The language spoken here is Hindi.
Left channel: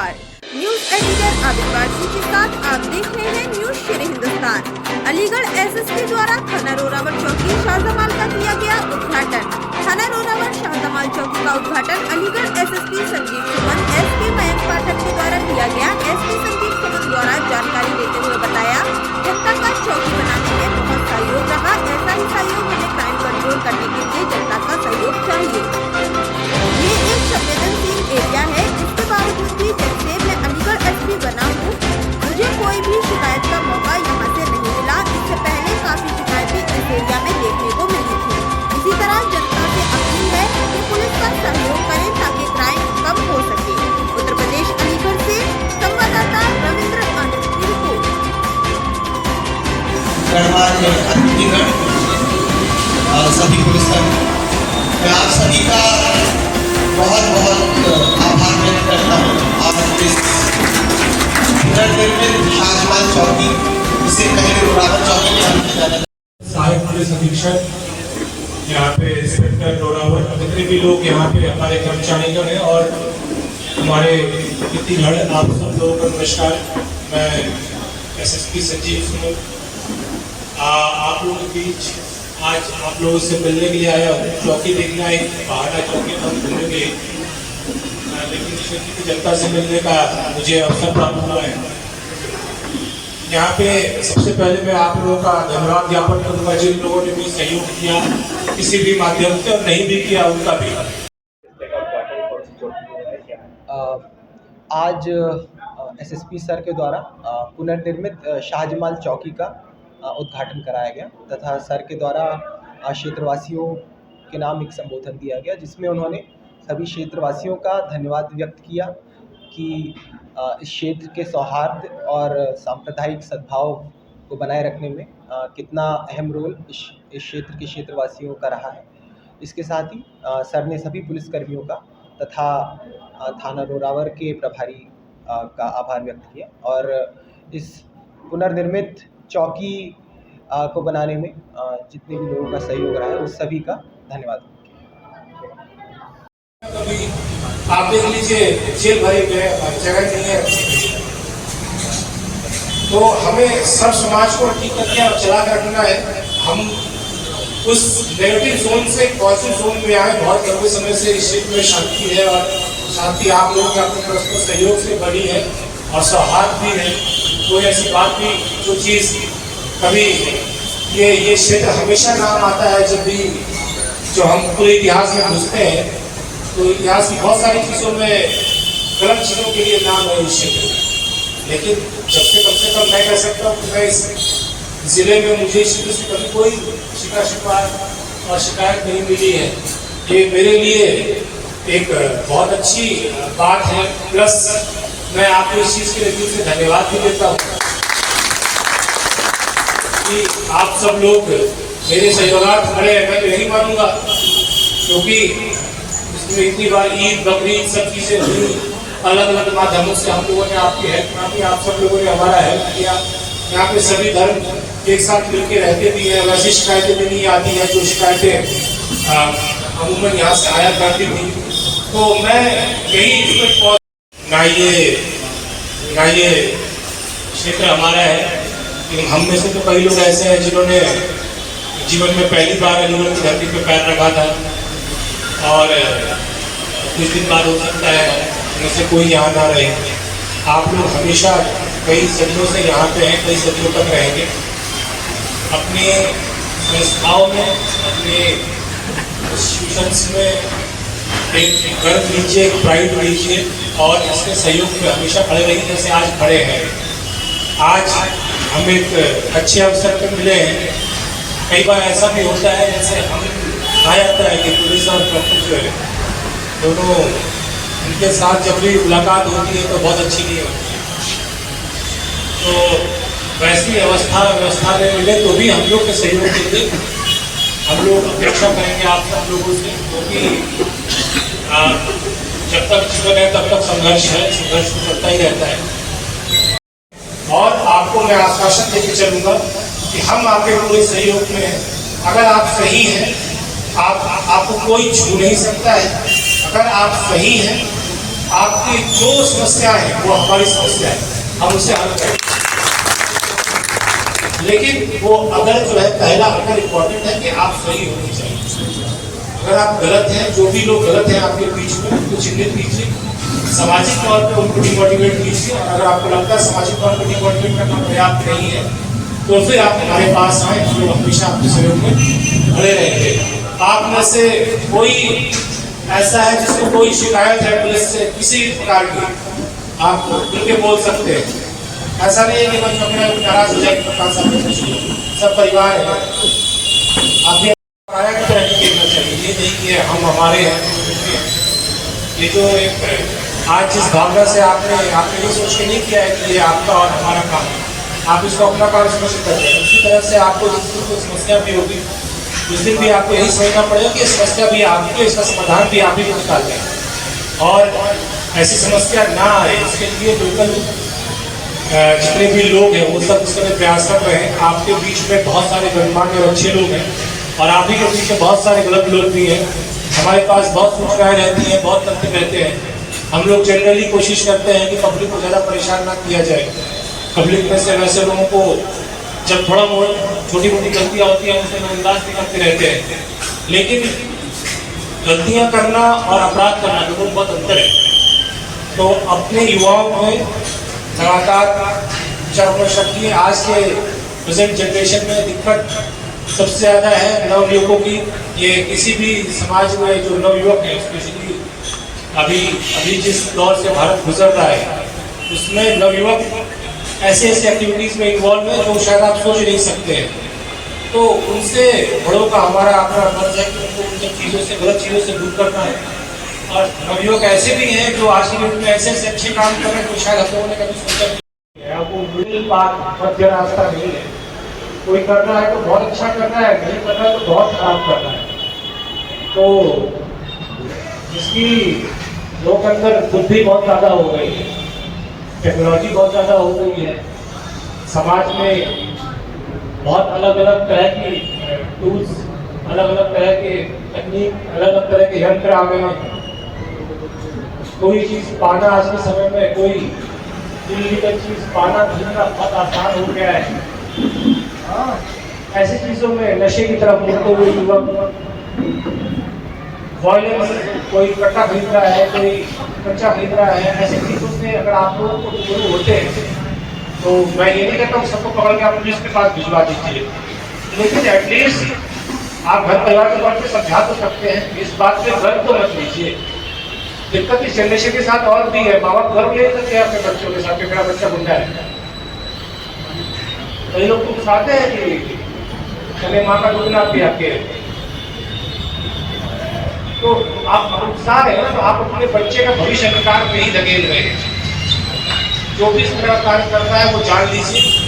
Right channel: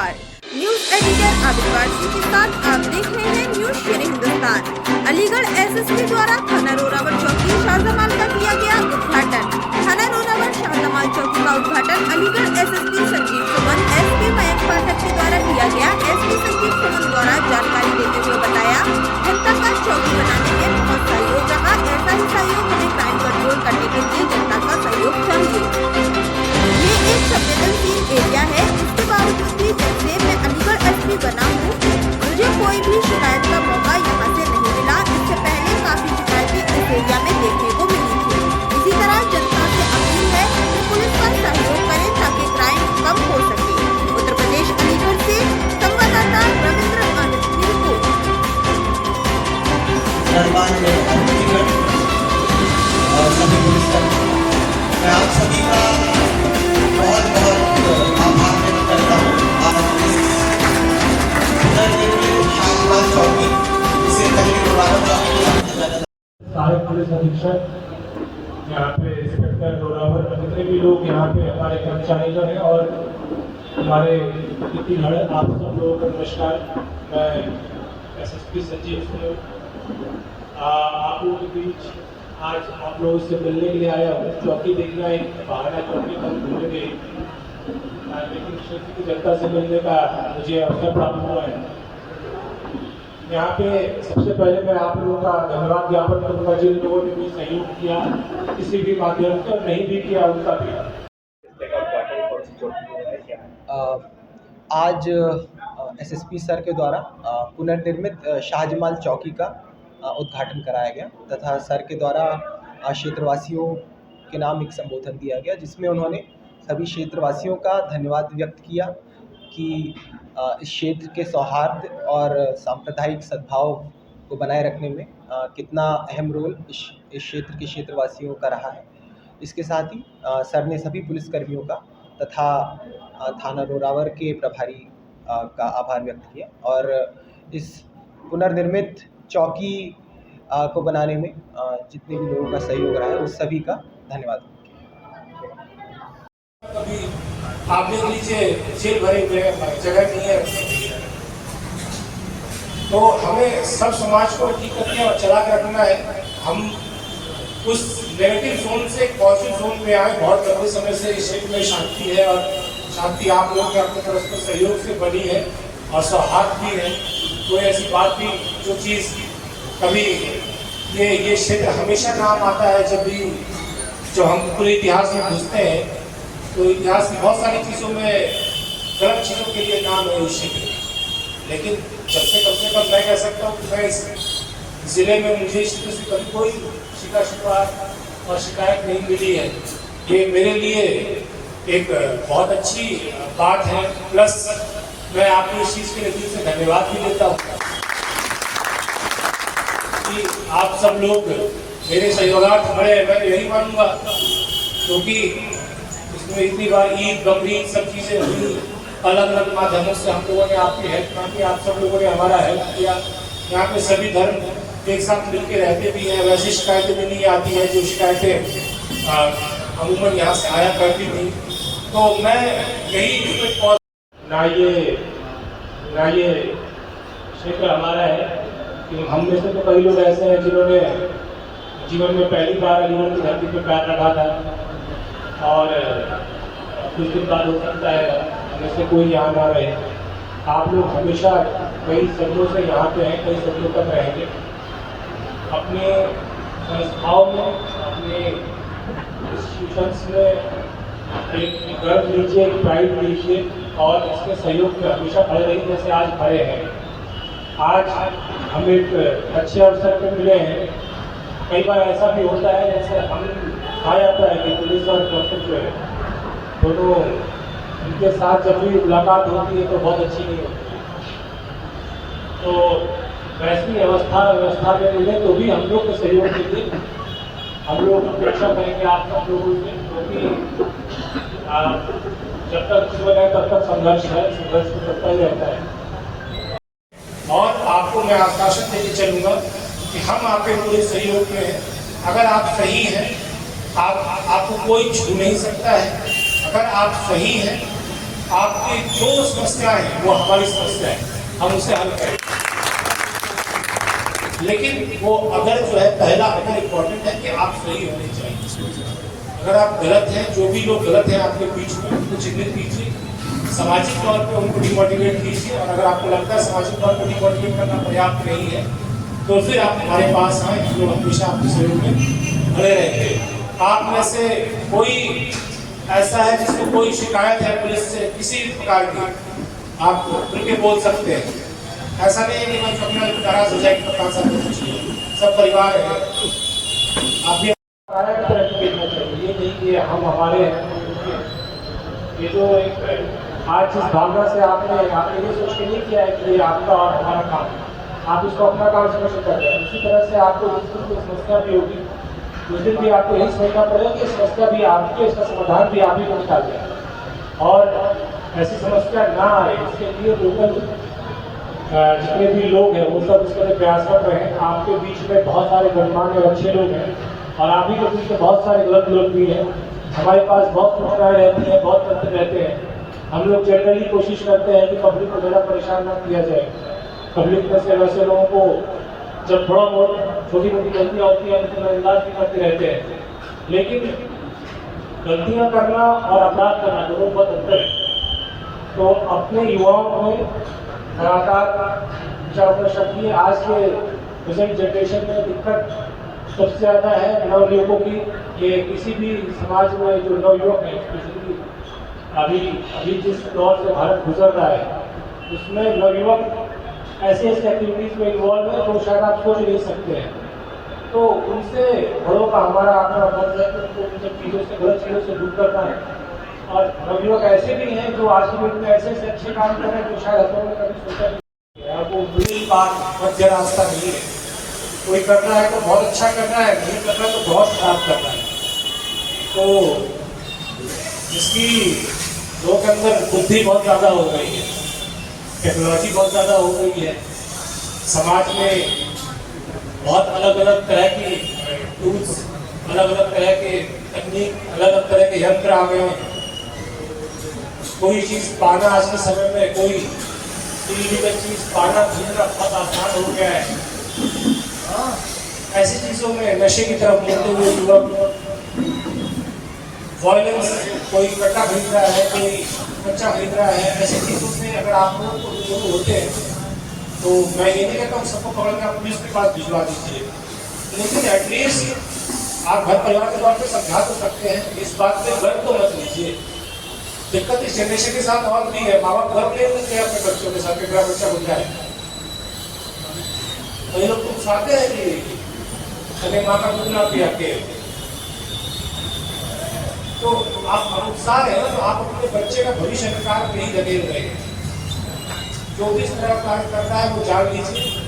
नमस्कार, न्यूज एडिटर आबिद वारसी के साथ आप देख रहे हैं न्यूज शेर हिंदुस्तान। अलीगढ़ एसएसपी द्वारा थाना रोरावर चौकी शाहजमाल का किया गया उद्घाटन। थाना रोरावर शाहजमाल चौकी का उद्घाटन अलीगढ़ एसएसपी संजीव सुमन एसपी मयंक पाठक के द्वारा किया गया। एसपी संजीव सुमन द्वारा जानकारी देते हुए बताया, जनता का चौकी बनाने में बहुत सहयोग रहा। ऐसा ही सहयोग हमें क्राइम कंट्रोल करने के लिए जनता का सहयोग चाहिए। ये एक संवेदनशील एरिया है, इसके बावजूद भी जब से मैं अलीगढ़ एसपी बना हूँ, मुझे कोई भी शिकायत का मौका यहाँ से नहीं मिला। इससे पहले काफी शिकायतें इस एरिया में देखने को मिली थी। इसी तरह जनता से अपील है कि पुलिस का सहयोग करें ताकि क्राइम कम हो सके। उत्तर प्रदेश अलीगढ़ से संवाददाता रविंद्र आनंद की रिपोर्ट। पुलिस अधीक्षक यहाँ पे इंस्पेक्टर रोरावर, जितने भी लोग यहाँ पे हमारे कर्मचारीगण हैं और हमारे कितनीगढ़, आप सब लोगों को नमस्कार। मैं एसएसपी संजीव सुमन आप लोगों के बीच आज आप लोगों से मिलने के लिए आया हूँ। चौकी देखना एक बहाना, चौकी हम घूमेंगे, लेकिन क्षेत्र की जनता से मिलने का मुझे अवसर प्राप्त हुआ है। यहाँ पे सबसे पहले मैं आप लोगों का धन्यवाद ज्ञापन करूँगा जिन लोगों ने भी सहयोग किया किसी भी माध्यम से, और नहीं भी किया उनका भी। आज एसएसपी सर के द्वारा पुनर्निर्मित शाहजमाल चौकी का उद्घाटन कराया गया तथा सर के द्वारा क्षेत्रवासियों के नाम एक संबोधन दिया गया, जिसमें उन्होंने सभी क्षेत्रवासियों का धन्यवाद व्यक्त किया कि इस क्षेत्र के सौहार्द और सांप्रदायिक सद्भाव को बनाए रखने में कितना अहम रोल इस क्षेत्र के क्षेत्रवासियों का रहा है। इसके साथ ही सर ने सभी पुलिसकर्मियों का तथा थाना रोरावर के प्रभारी का आभार व्यक्त किया और इस पुनर्निर्मित चौकी को बनाने में जितने भी लोगों का सहयोग रहा है उस सभी का धन्यवाद। आप देख लीजिए, जेल भरे में जगह नहीं है, तो हमें सब समाज को ठीक करके और चला कर रखना है। हम उस नेगेटिव जोन से पॉजिटिव जोन में आए। बहुत लंबे समय से इस क्षेत्र में शांति है और शांति आप लोगों के अपने परस्पर सहयोग से बनी है और सौहार्द भी है। कोई ऐसी बात नहीं जो चीज़ कभी ये क्षेत्र हमेशा काम आता है। जब भी जो हम पूरे इतिहास में घुसते हैं तो इतिहास की बहुत सारी चीज़ों में गलत चीज़ों के लिए नाम है इस क्षेत्र में, लेकिन जब से कम मैं कह सकता हूँ कि मैं इस ज़िले में मुझे इस क्षेत्र से कभी कोई शिकायत और शिकायत नहीं मिली है। ये मेरे लिए एक बहुत अच्छी बात है। प्लस मैं आपको इस चीज़ के लिए दिल से धन्यवाद भी देता हूँ कि आप सब लोग मेरे सहयोगार्थ खड़े हैं। मैं तो यही मानूंगा, क्योंकि इसमें इतनी बार ईद बकरीद सब चीज़ें हुई, अलग अलग माध्यमों से हम लोगों ने आपकी हेल्प की, आप सब लोगों ने हमारा हेल्प किया। यहाँ पे सभी धर्म एक साथ मिलकर रहते भी हैं। वैसी शिकायतें भी नहीं आती हैं जो शिकायतें अमूमन यहाँ से आया करती थी। तो मैं यही ना ये क्षेत्र हमारा है, लेकिन हम में से तो कई लोग ऐसे हैं जिन्होंने जीवन में पहली बार अलीगढ़ की धरती पर पैर रखा था और कुछ दिन बाद हो सकता है उनमें से कोई यहाँ ना रहे। आप लोग हमेशा कई सदियों से यहाँ पे हैं, कई सदियों तक रहेंगे। अपने संस्थाओं में, अपने इंस्टीट्यूशंस में एक गर्व लीजिए, एक प्राइड लीजिए और इसके सहयोग में हमेशा खड़े रहिए जैसे आज खड़े हैं। आज हम एक अच्छे अवसर पर मिले हैं। कई बार ऐसा भी होता है, जैसे हम कहा जाता है कि पुलिस और कलेक्टर जो है दोनों उनके साथ जब भी मुलाकात होती है तो बहुत अच्छी नहीं होती है। तो वैसी व्यवस्था में मिले तो भी हम लोग के सहयोग के लिए हम लोग अपेक्षा करेंगे आप सब लोगों से, क्योंकि जब तक जीवन है तब तक संघर्ष है, संघर्ष चलता ही रहता है। और आपको मैं आश्वासन देकर चलूँगा कि हम आपके पूरे सहयोग में हैं। अगर आप सही हैं, आपको कोई छू नहीं सकता है। अगर आप सही हैं आपकी जो समस्या है वो हमारी समस्या है, हम उसे हल करें। लेकिन वो अगर जो है पहला अगर इम्पोर्टेंट है कि आप सही होने चाहिए। अगर आप गलत हैं, जो भी लोग गलत हैं आपके बीच में उनको चिन्हित कीजिए, सामाजिक तौर पे उनको डिमोटिवेट कीजिए। और अगर आपको लगता है सामाजिक तौर पर डिमोटिवेट करना पर्याप्त नहीं है तो फिर आप हमारे पास आए, हम लोग हमेशा आपके सहयोग में खड़े रहेंगे। आप में से कोई ऐसा है जिसको कोई शिकायत है पुलिस से किसी प्रकार की, आप खुल के बोल सकते हैं। ऐसा नहीं है कि बच्चों के नाराज हो जाएगी कप्तान साहब, सब परिवार है। आप भी पराया की तरह देखना चाहिए, ये नहीं कि हम हमारे हैं। ये जो एक आज जिस भावना से आपने ये सोच के नहीं किया है कि ये आपका और हमारा काम है, आप इसको अपना काम समझ करते हैं। उसी तरह से आपको जिस दिन कोई समस्या भी होगी उस दिन भी आपको यही समझना पड़ेगा कि समस्या भी आपकी, इसका समाधान भी आप ही को निकालना है और ऐसी समस्या ना आए इसके लिए लोकल जितने भी लोग हैं वो सब उसके लिए प्रयासरत रहे। आपके बीच में बहुत सारे गणमान्य और अच्छे लोग हैं और आप ही के बीच में बहुत सारे गलत लोग भी हैं। हमारे पास बहुत सूचनाएं रहती हैं, बहुत तथ्य रहते हैं। हम लोग जनरली कोशिश करते हैं कि पब्लिक को ज़्यादा परेशान ना किया जाए। पब्लिक में से वैसे लोगों को जब थोड़ा बहुत छोटी मोटी गलतियाँ होती हैं उसमें नजरअंदाज भी करते रहते हैं, लेकिन गलतियाँ करना और अपराध करना दोनों में बहुत अंतर है। तो अपने युवाओं में लगातार विचार शक्ति, आज के प्रेजेंट जनरेशन में दिक्कत सबसे ज़्यादा है नवयुवकों की। ये किसी भी समाज में जो नवयुवक है, स्पेशली अभी जिस दौर से भारत गुजर रहा है उसमें नवयुवक ऐसे एक्टिविटीज़ में इन्वॉल्व है जो शायद आप सोच नहीं सकते हैं। तो उनसे बड़ों का हमारा अपना फर्ज है कि उनको उन चीज़ों से, गलत चीज़ों से दूर करना है। और नवयुवक ऐसे भी हैं जो आज की डेट में ऐसे अच्छे काम कर रहे हैं जो शायद हम लोगों ने कभी सोचा नहीं है। वो मिडिल पाथ, मध्य रास्ता नहीं है। कोई करना है तो बहुत अच्छा कर रहा है, नहीं कर रहा है तो बहुत खराब कर रहा है। तो इसकी लोगों के अंदर बुद्धि बहुत ज़्यादा हो गई है, टेक्नोलॉजी बहुत ज़्यादा हो गई है, समाज में बहुत अलग अलग तरह की टूल्स, अलग अलग तरह के तकनीक, अलग अलग तरह के यंत्र आ गए हैं। कोई चीज़ पाना आज के समय में, कोई इलीगल चीज़ पाना खरीदना बहुत आसान हो गया है। ऐसी चीज़ों में नशे की तरफ लिखते हुए युवक, वायलेंस, कोई कट्टा खरीद रहा है, कोई कच्चा खरीद रहा है, ऐसी चीज़ों से अगर आप लोगों को दूर होते हैं तो मैं ये नहीं कहता हूँ सबको पकड़ के आप पुलिस के पास भिजवा दीजिए, लेकिन एटलीस्ट आप घर परिवार के तौर पर समझा तो सकते हैं। इस बात पे गर्व तो मत लीजिए। दिक्कत इस जनरेशन के साथ और भी है, माँ बाप गर्व ले सकते हैं अपने बच्चों के साथ कि मेरा बच्चा गुंडा है। कई लोग तो चाहते हैं कि हमें माँ का दूध ना पिया के, तो आप उत्साह है ना, तो आप अपने बच्चे का भविष्य अंधकार में ही धकेल रहे हैं। जो भी इस तरह कार्य कर रहा है वो जान लीजिए